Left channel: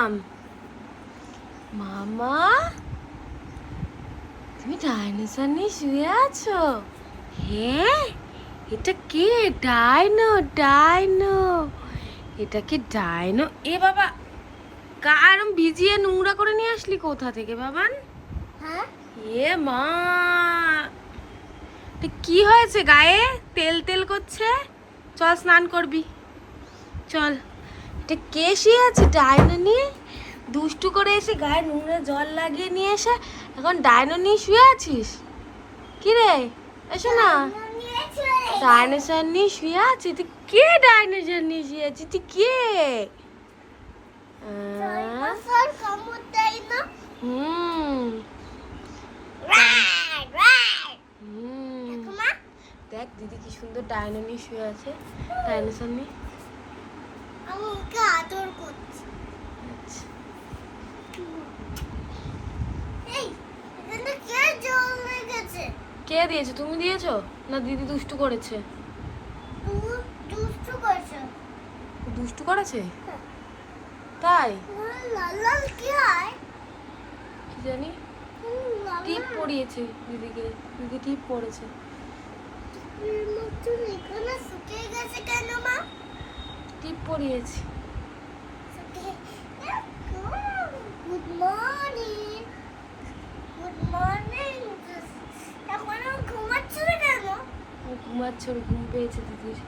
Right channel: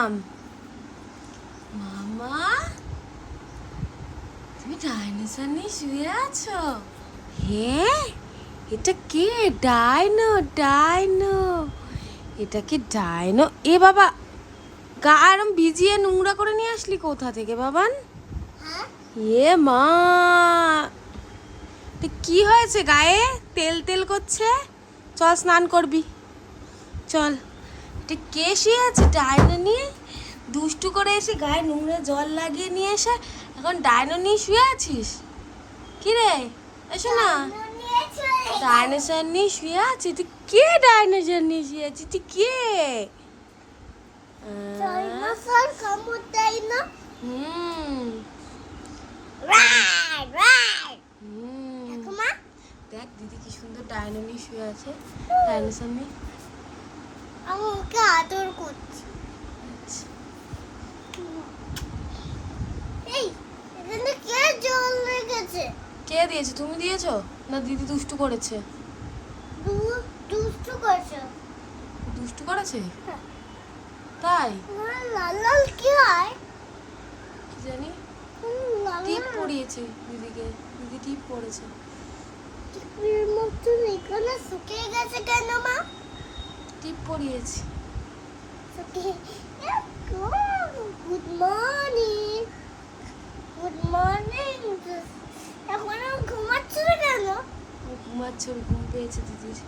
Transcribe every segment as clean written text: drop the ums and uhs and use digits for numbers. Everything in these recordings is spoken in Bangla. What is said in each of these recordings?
মাম্মাম, মামা তুমি ডাইনোসর নিয়ে শুয়ে আছো? হ্যাঁ, এটা কে? ডাইনো, ডাইনো, এটা কি ডাইনো? এ বাবা, গা আরম ভিজিয়ে নোংরা করে নিয়ে আসলি কোথা থেকে বাবান? এ মা, তো কি হয়েছে গায়ে? তেল তেল করছে, চল স্নান করবি চল। এটা কে শুয়ে আছে ডাইনো নিয়ে? দুষ্টু করে এসে গায়ে নোংরা জল লাগিয়ে নিয়ে এসে এখন ডাইনো নিয়ে শুয়ে আছিস? কি রে, এসো না। ডাইনোসর নিয়ে শুয়ে আছিস তুই? কে ডাইনোসর নিয়ে শুয়ে আছিস তুই? কে? দেখ দিদি কি সুন্দর ডাইনো নিয়ে শুয়ে আছে, ডাইনোসর নিয়ে। আমাকে আদর করছি। আচ্ছা, এই এখানে কে জল লেগেছে? কে দিয়েছে? তুমি দিয়েছো না দিদি দুষ্টু করেছে? দুষ্টু করছো। দুষ্টু করেছে তাই? লাল লাল কি হয়? কি জানি, লাল টিপ পরিয়েছে দিদিকে, দিদি টিপ পরেছে। টিপের মতন এখানে শুকিয়ে গেছে কেন মা? টিপ পরিয়েছি। Good morning, good morning. এখন ঘুমাচ্ছ না কেন? ও ঘুমাচ্ছে, ওর ঘুম পেয়েছে দিদির।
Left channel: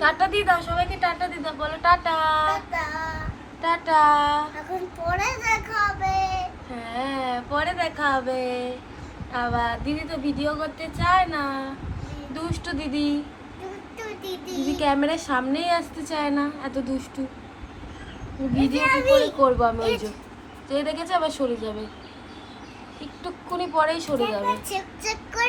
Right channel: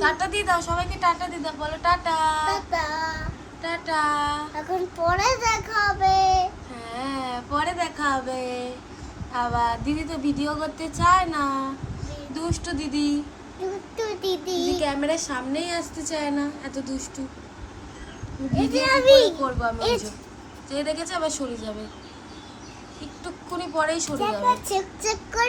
টাটা দিয়ে দাও সবাইকে, টাটা দিয়ে দাও, বলো টাটা। টাটা। টাটা। এখন পরে দেখা হবে। হ্যাঁ পরে দেখা হবে আবার। দিদি তো ভিডিও করতে চায় না, দুষ্টু দিদি। দুষ্টু দিদি। দিদি ক্যামেরার সামনেই আসতে চায় না, এত দুষ্টু। ভিডিও কি আমি- করে করবো আমি? ওই যে দেখেছে আবার সরে যাবে, একটুক্ষণি পরেই সরে যাবে। চেক চেক করে